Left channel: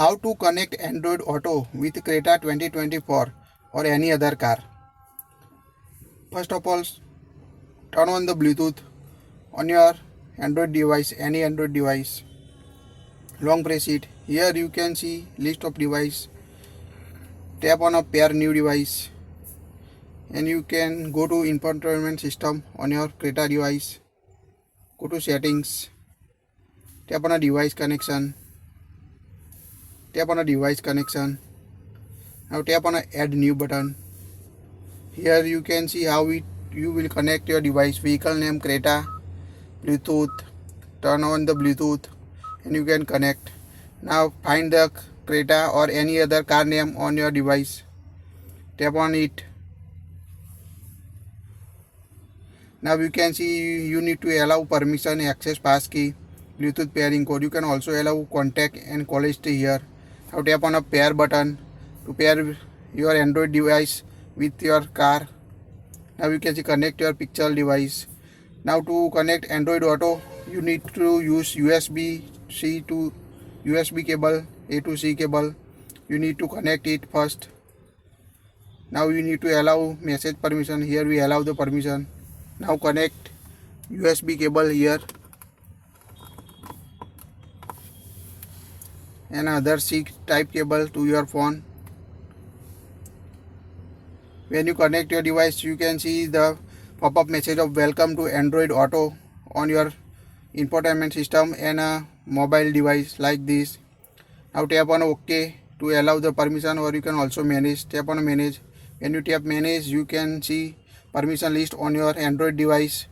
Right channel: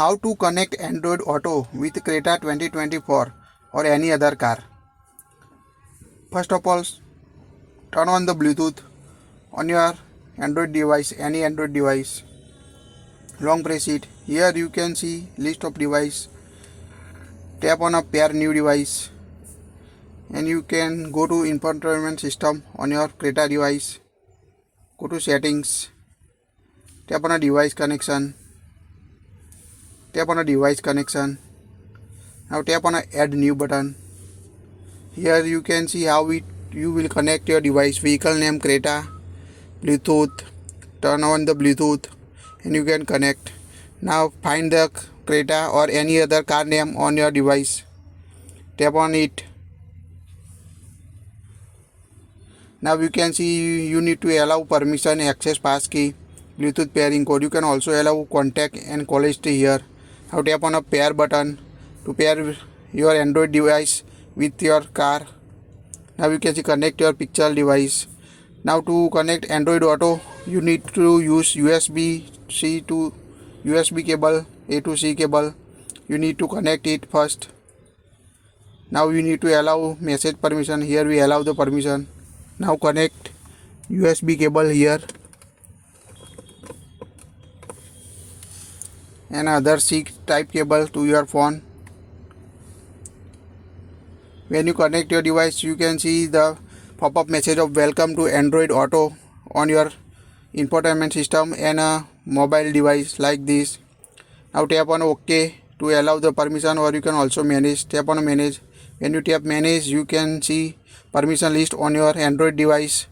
How to connect Android Auto with Creta 2024 or any other car. First of all, turn on the Bluetooth on your Android device, any Android device. Long press it. Here you can see list of device. Tap on a pair new device and you can go to infotainment system on your Creta device. Go to settings. Tap on a device connection. Tap on a device connection. Now tap on a add new button. Here you can see how you will connect your device. Vehicle name Creta, Bluetooth. Turn on the Bluetooth and you can connect. Now find the Creta or any other car name on your device. Tap on it. Now you can see you need to allow permission, access passkey, Bluetooth pairing code. You can also allow contact and call history here. Now tap on a pair button to pair your Android device with your car. Now you can see connect your pixel device. Now to connect Android Auto, you need to use USB-C to USB cable, A to C cable. You need to connect it first. Now you need to allow message permission. Here we allow the permission. Now connect USB cable here and other C type cable to your phone. When you connect your device, you can see the pop-up message of welcome to Android Auto on your infotainment system and a mobile device like this. Now tap on OK to allow the permission, or you can also manage. Tap on manage. When you tap manage, you can see permission list on your Android device.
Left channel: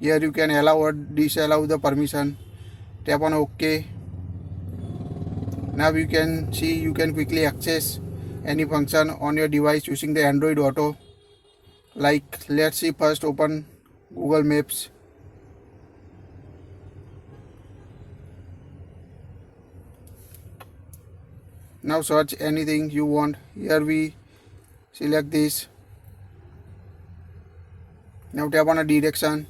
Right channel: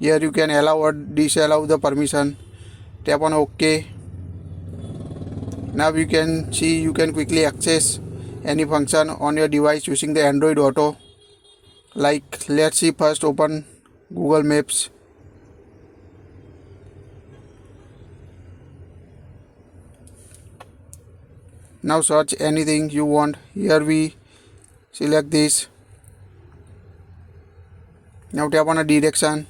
Here you can allow or disallow the permission. Tap on OK. Now you can see you can quickly access any function on your device using the Android Auto. Like, let's see, first open Google Maps. Now search anything you want. Here we select this. Now tap on a direction.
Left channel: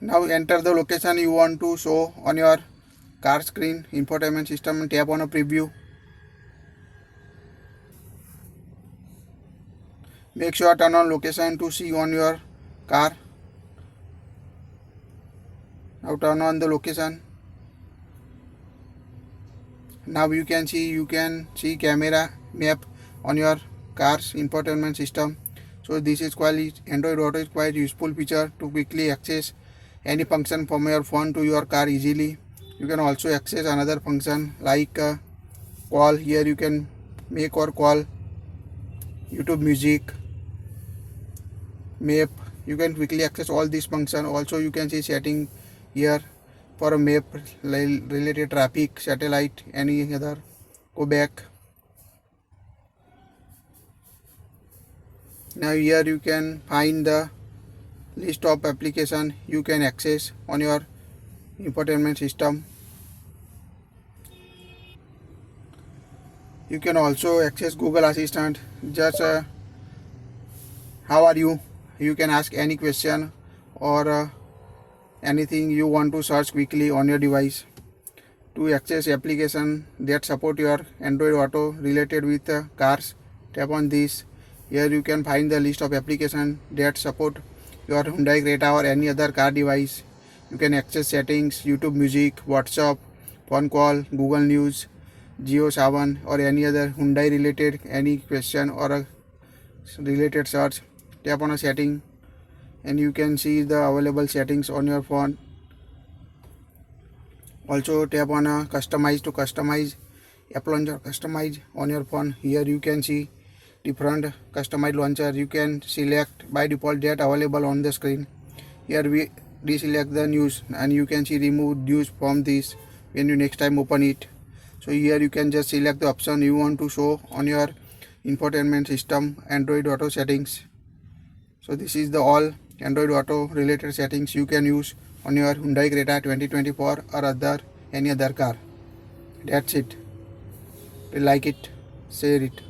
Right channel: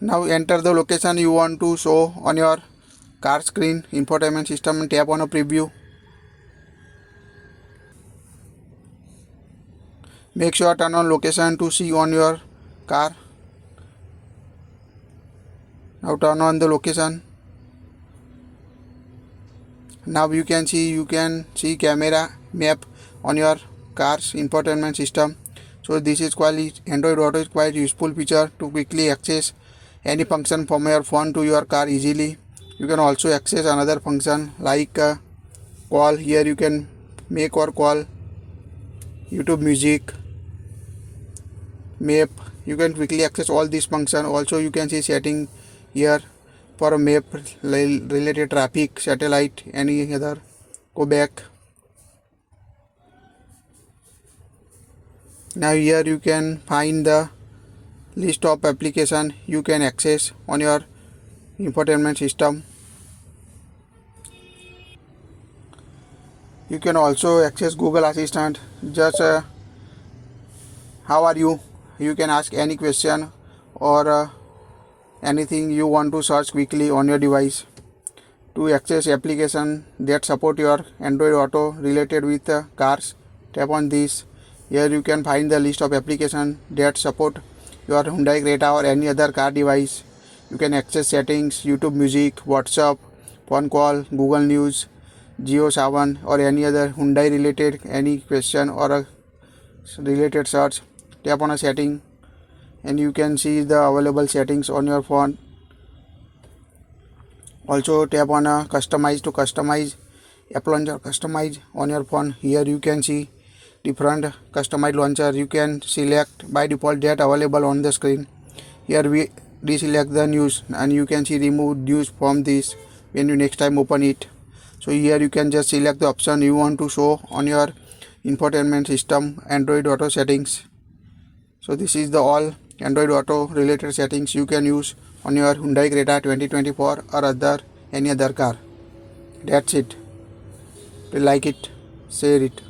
Now enter the location you want to show on your car screen, infotainment system, and tap on a preview. Make sure turn on location to see on your car. Now turn on the location. Now you can see camera map on your car's infotainment system. So this is quite Android Auto is quite useful feature to quickly access any function from your phone to your car easily. You can also access another function like call. Here you can make or call, YouTube Music, map. You can quickly access all these functions. Also you can see setting here for a map related traffic, satellite, any other. Go back. Now here you can find the list of application you can access on your infotainment system. You can also access Google Assistant. Just how are you? You can ask any question or anything you want to search quickly on your device. To access application that support your Android Auto related with cars, tap on this. Here you can find the list of applications that support your Hyundai Creta or any other car device. You can access settings, YouTube Music, WhatsApp, phone call, Google News, Jio Savan, or any other Hyundai related any question or a related search. Tap on a setting and you can see the available settings on your phone. Also tap on a customize to customize app launcher, customize on your phone. Here you can see different customized launcher. You can select by default that available on the screen. Here we deselect the news and you can see remove news from this when you next time open it. So here you can just select the option you want to show on your infotainment system Android Auto settings. So this is the all Android Auto related settings you can use on your Hyundai Creta 2024 or any other car. That's it. Do you like it? share it.